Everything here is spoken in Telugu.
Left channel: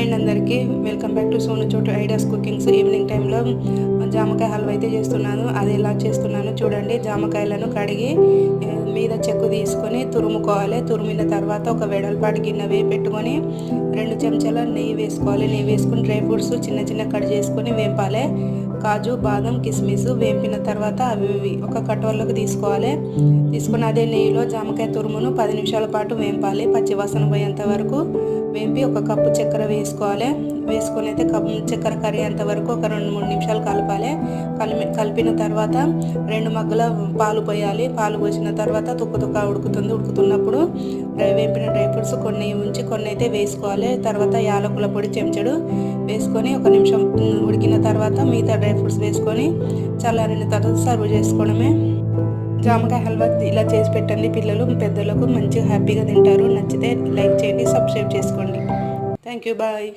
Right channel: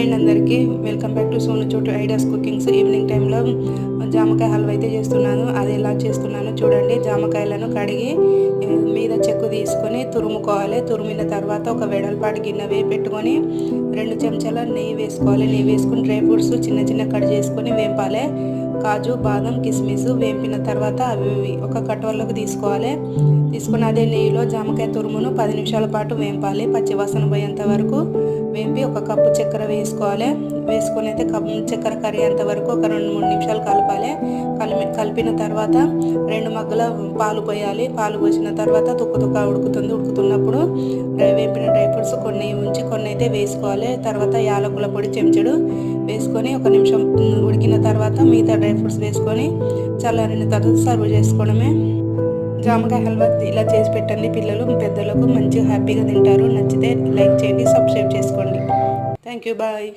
హాయ్ అండి అందరికీ, వెల్కమ్ బ్యాక్ టు సోను చోటు ఐడియాస్ కుకింగ్స్. ఈవినింగ్ టైంలో జామకాయ హల్వా అయితే చేస్తున్నాను. అది ఎలా చేస్తున్నానో చూడండి. జామకాయలను కడిగి మీద చెక్కు తీసుకొని తురుముకోవాలి. తురిమిన తర్వాత ఒక వెడల్పాటి గిన్నె పెట్టుకొని 2 చెంచాల నెయ్యి వేసుకోవాలి. నెయ్యి వేసుకొని డ్రై ఫ్రూట్స్ చిన్న చిన్న కట్ చేసుకొని వేపాలి. కాజు, బాదం, కిస్మిస్ వేపిన తర్వాత అవి ఒక కటోర్లోకి తీసుకోవాలి. తీసుకుని అదే నెయ్యిలో జామకాయ తురుమును 10 నిమిషాల పాటు వేపాలి. పచ్చివాసన పోయేంత వరకు వేపి ఒక కప్పు చక్కెర వేసుకోవాలి. వేసుకొని అయితే చక్కెర కరిగేంత వరకు ఒక 2-3 నిమిషాలు కలపాలి. కలిపిన తర్వాత 2 మగ్గుల పాలు పోయాలి. పాలు పోసిన తర్వాత తుక్క ఉడుకుతున్నప్పుడు వేపిన డ్రై ఫ్రూట్స్ కొన్ని ఉంచి కొన్ని అయితే వేసుకోవాలి. తర్వాత యాలకుల పొడి చెంచడు వేసుకొని 1 నిమిషం ఉడికిన తర్వాత మిగతా డ్రై ఫ్రూట్స్ వేసుకొని చల్లారిన తర్వాత సర్వ్ చేసుకోవడమే. జామకాయ హల్వా ఇలా చేసి పెట్టండి. పిల్లలు పెద్దలకు మంచిగా హ్యాపీగా తింటారు. నచ్చితే లైక్ చేయండి, సబ్స్క్రైబ్ చేసుకోండి. Thank you, bye.